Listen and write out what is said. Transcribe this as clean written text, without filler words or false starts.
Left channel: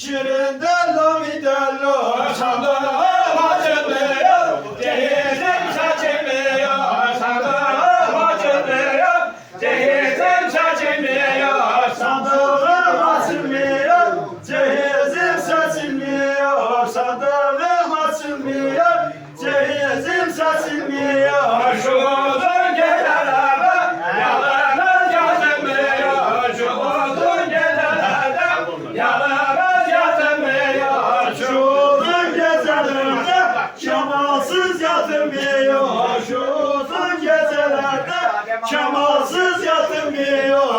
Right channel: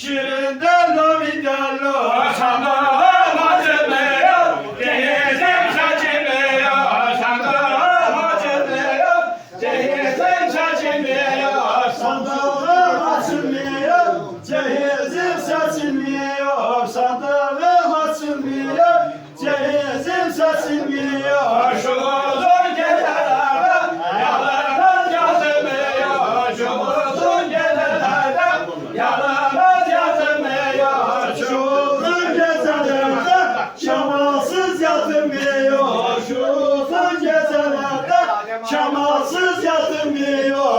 Şirin dello mi dello, sandım açılmıyor, cehizim saçılmıyor, sandım açılmıyor, cehizim saçılmıyor, sandığım açılmıyor, cehizim saçılmıyor, sandığım açılmıyor, cehizim saçılmıyor, şu uzun gecelerde yalnız yazılmıyor, şu uzun gecelerde yalnız Şamalsız yatılmıyor, şu uzun gecelerde şamalsız yatılmıyor.